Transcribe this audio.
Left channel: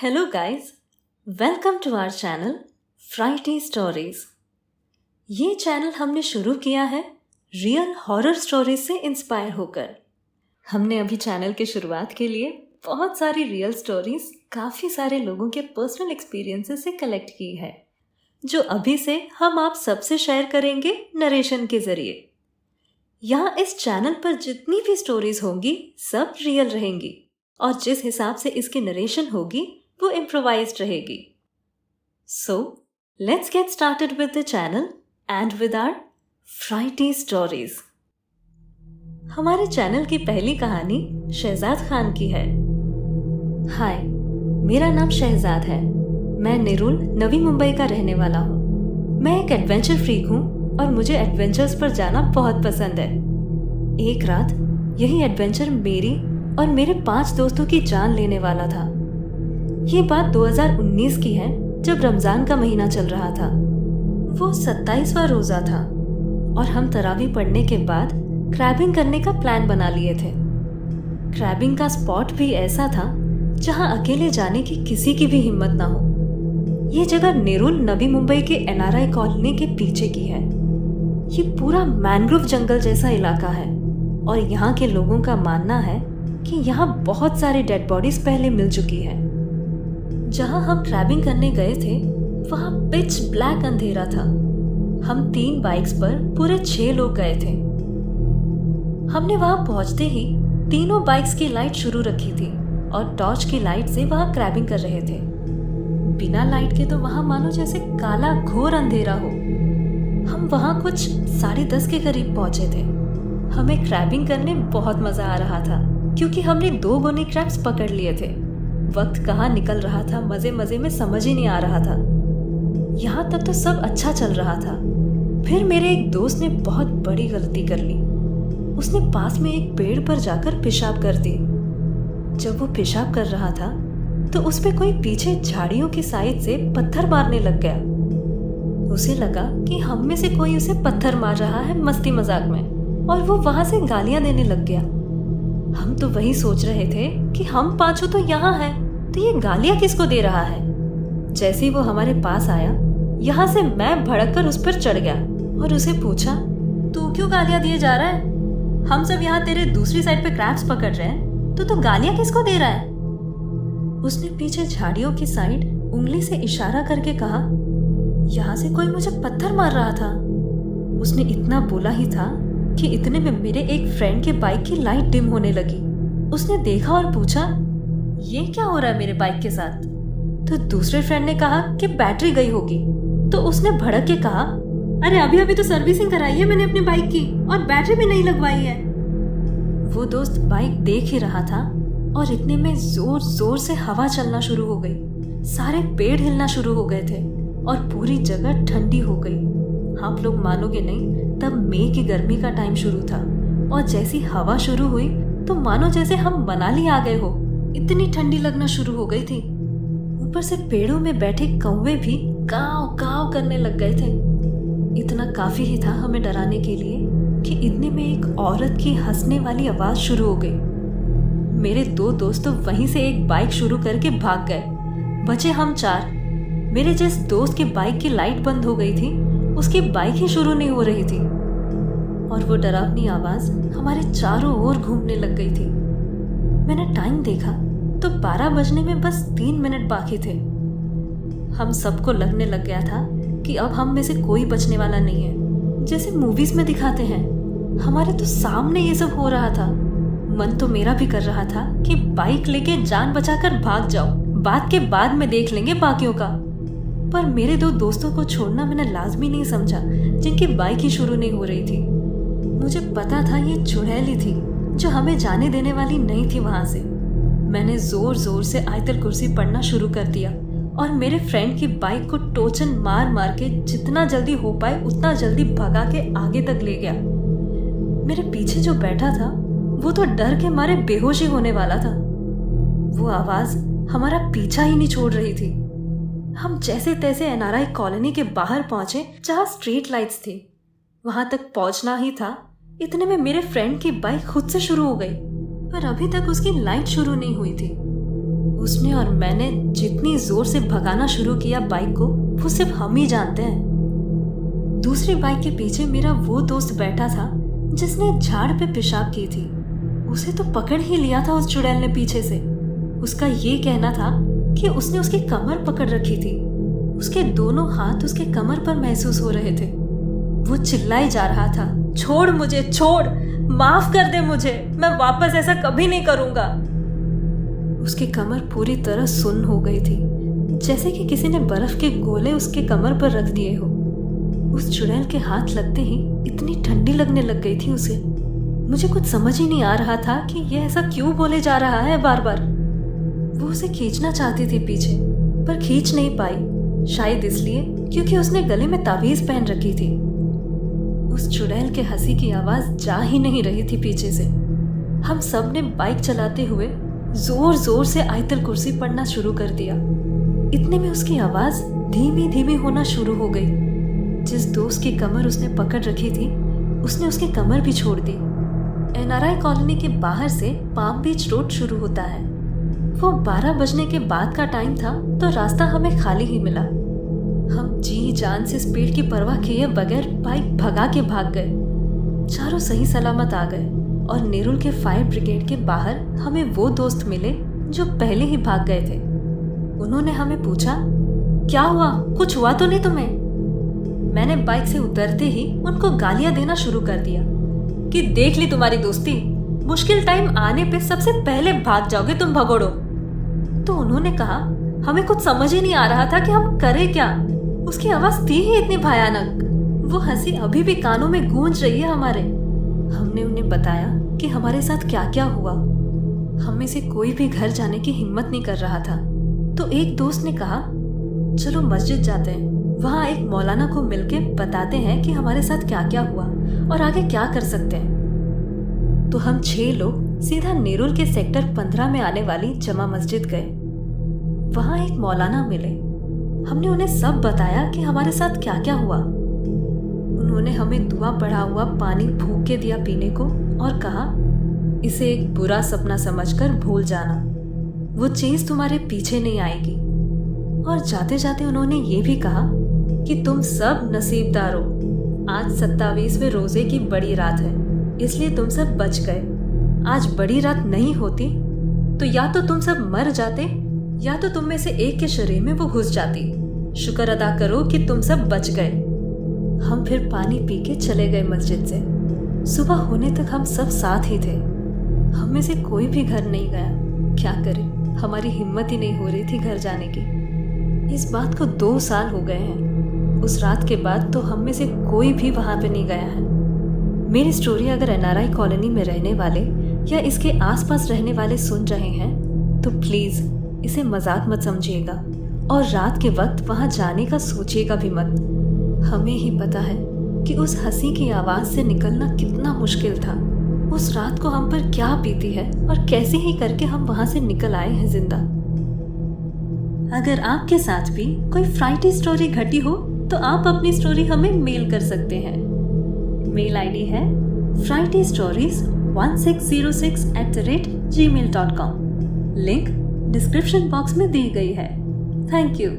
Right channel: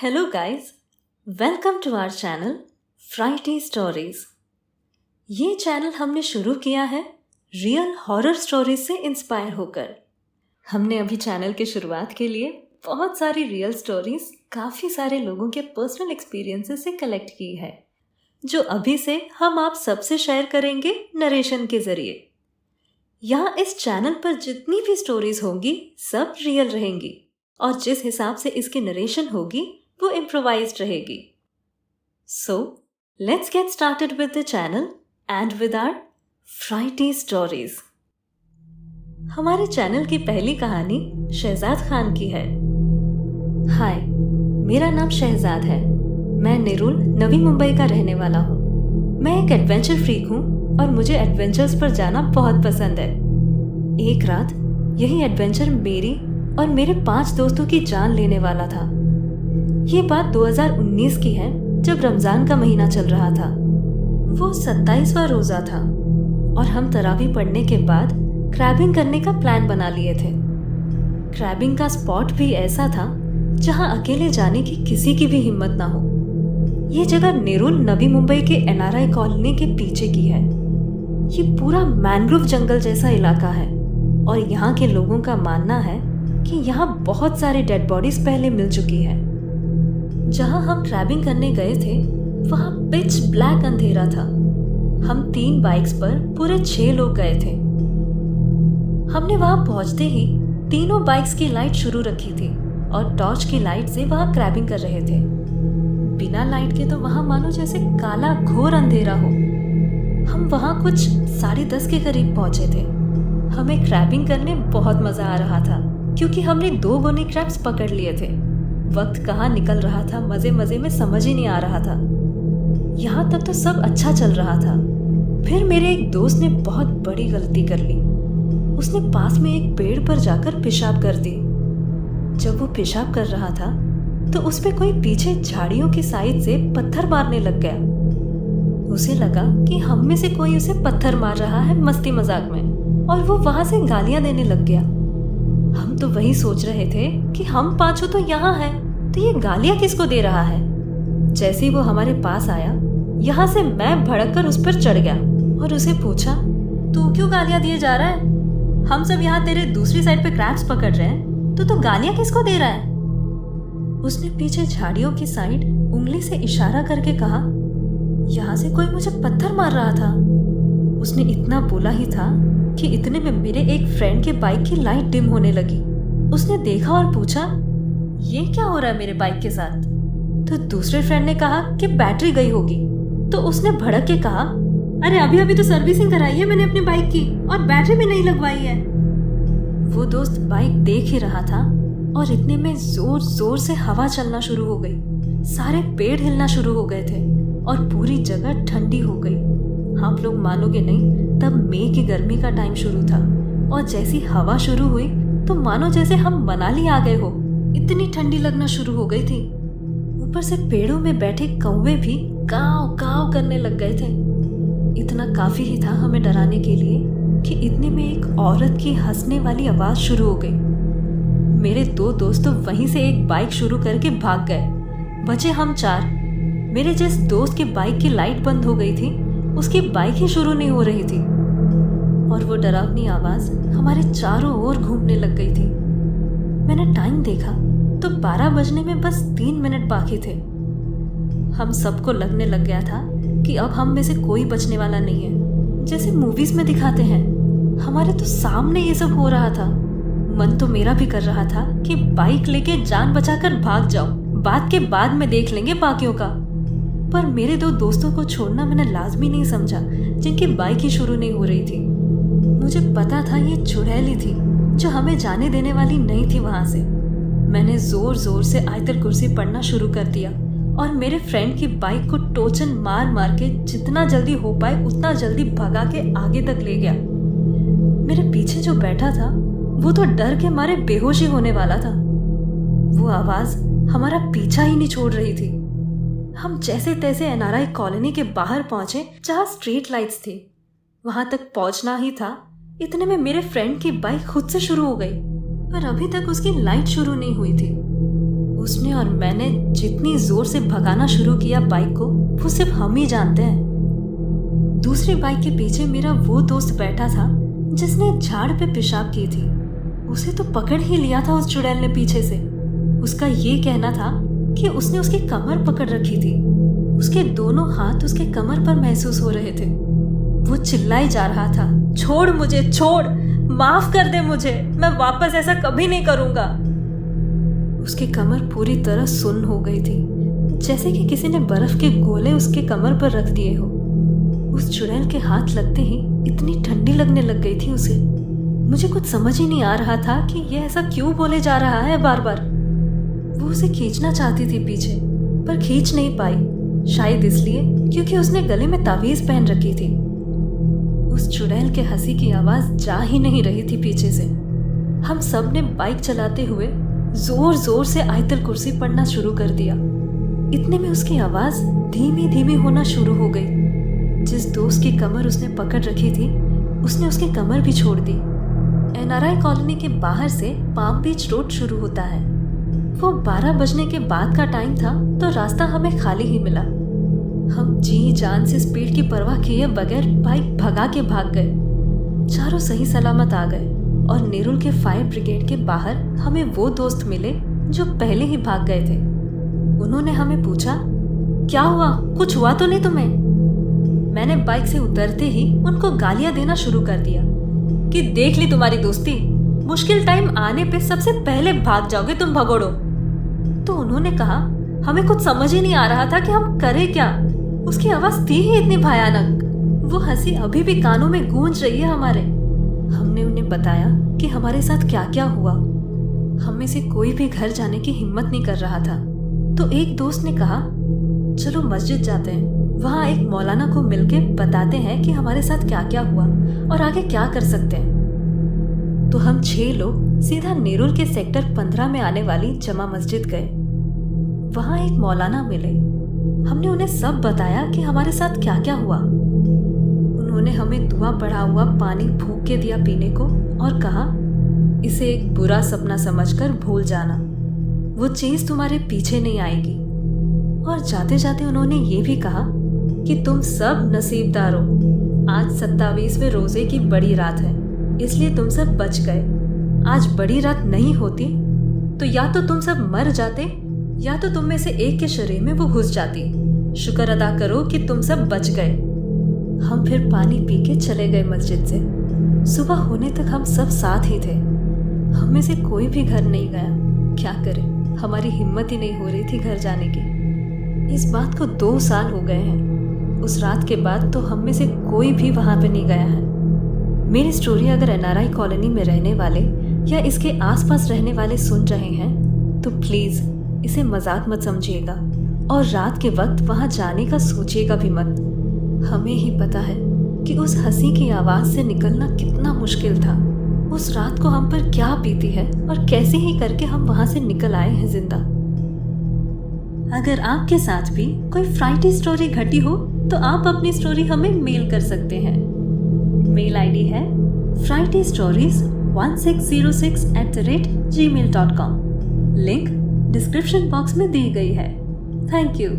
Hello guys, welcome to our channel Friday stories. ये channel हमने शुरू किया है रियल हॉरर स्टोरीज से इंस्पायर होकर। हमने अभी चैनल की शुरुआत के लिए बहुत सारी रियल स्टोरीज काफ़ी सारे लोगों के पर्सनल एक्सपीरियंसेस से कलेक्ट की है, जो अभी से हम आप सबसे शेयर करेंगे नरेशन के ज़रिए। यहाँ इस चैनल पर जितनी भी स्टोरीज होंगी सब रियल रहेंगी और जिस हिसाब से इसकी नरेशन होगी वो इम्प्रोवाइज्ड रहेगी। So, let's get started with the channel and with our Friday stories. हमारे चैनल की पहली कहानी शहजाद खान की है। हाय, मेरा नाम शहजाद है। मैं नेरुल, नवी मुंबई का रहने वाला हूँ। मैं एक एडवेंचर फ्रीक हूँ और मुझे एडवेंचर्स पर जाना बहुत पसंद है। एक रात यही एडवेंचर मेरी और मेरे 5 दोस्तों की जान लेने वाला था। ये बात 2019 की है, जब रमजान का महीना चल रहा था। वो 27वां रोजा था और हम तरावी पढ़ने के बाद क्रैबिंग करने का प्लान बना लिए थे। क्रैबिंग का स्पॉट भी ऐसा था जहां अकेले जाने की किसी की भी हिम्मत ना हो। ये जगह नेरुल, नवी मुंबई के NRI कॉलोनी के पीछे की है। ये पूरा मैंग्रोव जंगल जैसा इलाका है और यहाँ के लोगों का मानना है कि यहाँ बहुत सारी डेड बॉडीज पहले मिल चुकी है। जहां हम क्रैबिंग करने गए थे वहां पिच ब्लैक अंधेरा था। हम 3 बाइक्स पर पूरे 6 लोग गए थे। हमने वहां पहुंचते ही तीनों बाइक्स की लाइट शुरू रखी थी और टॉर्च की लाइट से वहां क्रैबिंग कर रहे थे। बिना लाइट के तो वहां मानो जैसे काला घोर अंधेरा हो। हम वहां कुछ 10:30 के करीब पहुंचे थे। हमें क्रैबिंग करने बहुत मजा आ रहा था क्योंकि हमने 2 गोनी क्रैब्स पकड़ लिए थे। वक्त कहाँ निकल रहा था मजे मजे में समझ ही नहीं आ रहा था। यहाँ तक तो सब अच्छा चल रहा था। फिर मेरे एक दोस्त ने बहुत बड़ी गलती कर ली। उसने पास में एक पेड़ पर जाकर पेशाब कर दी। जब वो पेशाब कर रहा था तो उस पे कोई पीछे झाड़ियों की साइड से पत्थर मारने लग गया। उसे लगा कि हम में से कोई उसे पत्थर मार रहा है मस्ती मजाक में, और वो वहां से गालियां देने लग गया। हम तो वही सोच रहे थे कि हम 5 तो यहाँ हैं, तो ये गालियां किसको दे रहा है। जैसे ही वो हमारे पास आया, यहाँ से मैं भड़क कर उस पर चढ़ गया और उसे पूछा, तू क्यों गालियां दिए जा रहा है? हम सब यहाँ तेरे दूसरी साइड पे क्रैब्स पकड़ रहे हैं, तो तू गालियां किसको दे रहा है? उसने पीछे झाड़ियों की साइड उंगली से इशारा करके कहा, यहाँ से कोई मुझे पत्थर मार रहा था। उसने इतना बोला ही था कि इतने में मेरे एक फ्रेंड के बाइक की लाइट डिम होने लगी। उसने देखा और पूछा, ये क्या हो रहा है मेरे बाइक के साथ? तो दूसरे फ्रेंड ने कहा कि बैटरी गई होगी। तो उसने भड़क के कहा, अरे अभी अभी तो सर्विसिंग कराई है मैंने अपनी बाइक की और बैटरी भी नहीं लगवाई है। वो दोस्त बाइक देख ही रहा था और इतने में जोर जोर से हवा चलना शुरू हो गई। सारे पेड़ हिलना शुरू हो गए थे और पूरी जगह ठंडी हो गई। आप लोग मानोगे नहीं, तब मई की गर्मी का टाइम शुरू था और जैसी हवा शुरू हुई तो मानो जैसे हम मनाली आ गए हो। इतनी ठंडी लगना शुरू हो गई थी। ऊपर से पेड़ों में बैठे कौवे भी काव काव करने लग गए थे। इतना काफी ही था हमें डराने के लिए कि इतने में एक औरत की हंसने वाली आवाज शुरू हो गई। मेरे 2 दोस्त तो वहीं से एक बाइक शुरू करके भाग गए। बचे हम 4। मेरे जिस दोस्त की बाइक की लाइट बंद हो गई थी, उसकी बाइक ही शुरू नहीं हो रही थी और वो डरावनी आवाज हमारे चारों ओर घूमने लग गई थी। मैंने टाइम देखा तो 12 बजने में बस 3 मिनट बाकी थे। हम सबको लगने लग गया था कि अब हम में से कोई बचने वाला नहीं है, जैसे मूवीज में दिखाते हैं। हमारे तो सामने ये सब हो रहा था। मन तो मेरा भी कर रहा था कि बाइक लेके जान बचाकर भाग जाओ, बात के बाद में देख लेंगे बाकियों का। पर मेरे 2 दोस्तों को छोड़ना मैंने लाजमी नहीं समझा, जिनकी बाइक ही शुरू नहीं हो रही थी। मुझे पता था ये चुड़ैली थी जो हमें जाने देने वाली नहीं थी वहां से। मैंने जोर जोर से आयतल कुर्सी पढ़ना शुरू कर दिया और मेरे फ्रेंड की बाइक को टोचन मार मार के जितना जल्दी हो पाए उतना जल्दी भगा के आगे तक ले गया। मेरे पीछे जो बैठा था वो तो डर के मारे बेहोश ही होने वाला था। वो आवाज हमारा पीछा ही नहीं छोड़ रही थी। हम जैसे तैसे NRI कॉलोनी के बाहर पहुंचे जहां स्ट्रीट लाइट्स थी। वहां तक पहुंचना ही था, इतने में मेरे फ्रेंड की बाइक खुद से शुरू हो गई, पर अभी तक उसकी लाइट शुरू नहीं हुई थी। उसने और मैंने जितनी जोर से भगाना शुरू किया बाइक को, वो सिर्फ हम ही जानते हैं। दूसरी बाइक के पीछे मेरा वो दोस्त बैठा था जिसने झाड़ पे पेशाब की थी। उसे तो पकड़ ही लिया था उस चुड़ैल ने पीछे से। उसका ये कहना था कि उसने उसकी कमर पकड़ रखी थी। उसके दोनों हाथ उसके कमर पर महसूस हो रहे थे। वो चिल्लाई जा रहा था, छोड़ मुझे, छोड़, माफ कर दे मुझे, मैं वापस ऐसा कभी नहीं करूंगा। उसकी कमर पूरी तरह सुन्न हो गई थी, जैसे कि किसी ने बर्फ के गोले उसके कमर पर रख दिए हो। उस चुड़ैल के हाथ लगते ही इतनी ठंडी लगने लग गई थी उसे। मुझे कुछ समझ ही नहीं आ रहा था कि ये ऐसा क्यों बोले जा रहा है बार बार। वो उसे खींचना चाहती थी पीछे, पर खींच नहीं पाई, शायद इसलिए क्योंकि उसने गले में तावीज पहन रखी थी। उस चुड़ैल के हंसी की आवाज जा ही नहीं रही थी पीछे से। हम सब ने बाइक चलाते हुए जोर जोर से आयतल कुर्सी पढ़ना शुरू कर दिया। इतने में उसकी आवाज धीमी धीमी होना शुरू हो गई। जिस दोस्त की कमर उसने पकड़ रखी थी, उसने उसकी कमर भी छोड़ दी। एनआरआई कॉलोनी के बाहर से पाम बीच रोड शुरू होता है। वो 12 बजने के बाद का टाइम था, तो रास्ता हमें खाली ही मिला। हम जी जान से स्पीड की परवाह किए बगैर बाइक भगा के भाग गए। चारों सही सलामत आ गए और नेरुल के फायर ब्रिगेड के बाहर हमें वो दोस्त मिले जो पहले ही भाग गए थे। उन्होंने हमें पूछा, क्या हुआ, कुछ हुआ तो नहीं तुम्हें? मैंने बाइक से उतरते ही उनको गालियां देना शुरू कर दिया कि देख ली तुम्हारी दोस्ती, मुश्किल टाइम आने पे सबसे पहले भाग जाओगे तुम भगोड़ो। तो उन्होंने कहा, हमें कुछ समझ ही नहीं आ रहा था कि हम करें क्या। उसकी आवाज थी ही इतनी भयानक। वो हंसी अभी भी कानों में गूंज रही है हमारे। हमने उन्हें बताया कि हमारे साथ क्या क्या हुआ। हम में से कोई भी घर जाने की हिम्मत नहीं कर रहा था। तो एक दोस्त ने कहा, चलो मस्जिद जाते हैं, वहाँ एक मौलाना को मिलके बताते हैं कि हमारे साथ क्या क्या हुआ और आगे क्या कर सकते हैं। तो हम 6 लोग सीधा नेरुल के सेक्टर 15 में आने वाली जमा मस्जिद गए। वहाँ एक मौलाना मिले। हमने उन्हें सब बताया कि हमारे साथ क्या क्या हुआ। उन्होंने हमें दुआ पढ़ा हुआ पानी फूंक के दिया पीने को और कहा, इसे एक बुरा सपना समझकर भूल जाना, वो चीज तुम्हारे पीछे नहीं आएगी। और जाते जाते उन्होंने ये भी कहा कि तुम सब नसीबदार हो, आज 27वें रोजे की बड़ी रात है, इसलिए तुम सब बच गए। आज बड़ी रात नहीं होती तो या तो तुम सब मर जाते या तो तुम में से एक के शरीर में वो घुस जाती। शुक्र अदा करो कि तुम सब बच गए। हम फिर पानी पी के चले गए मस्जिद से। सुबह होने तक हम सब साथ ही थे। हम में से कोई भी घर नहीं गया। क्या करें, हमारी हिम्मत ही नहीं हो रही थी घर जाने की। इस बात को 2 साल हो गए हैं। उस रात के बाद तो हम में से कोई भी वहां पे नहीं गया है। मेरी स्टोरी अगर एनआरआई कॉलोनी में रहने वाले या इसके आसपास रहने वाले सुन रहे हैं तो प्लीज इसे मजाक मत समझिएगा और रात के वक्त वहां जाने का सोचिएगा भी मत। हमें ही पता है कि उस हंसी की आवाज से निकलना कितना मुश्किल था। उस रात को हम पर क्या बीती है और कैसे ही करके हम वहां से निकल आए हैं जिंदा। अगर आपके साथ भी कोई फ्राइडे स्टोरी घटी हो तो आप अपनी स्टोरी हमें मेल कर सकते हैं। मेल आईडी है frightenstories1606@gmail.com। लिंक डिस्क्रिप्शन बॉक्स में दी गई है। Thank you.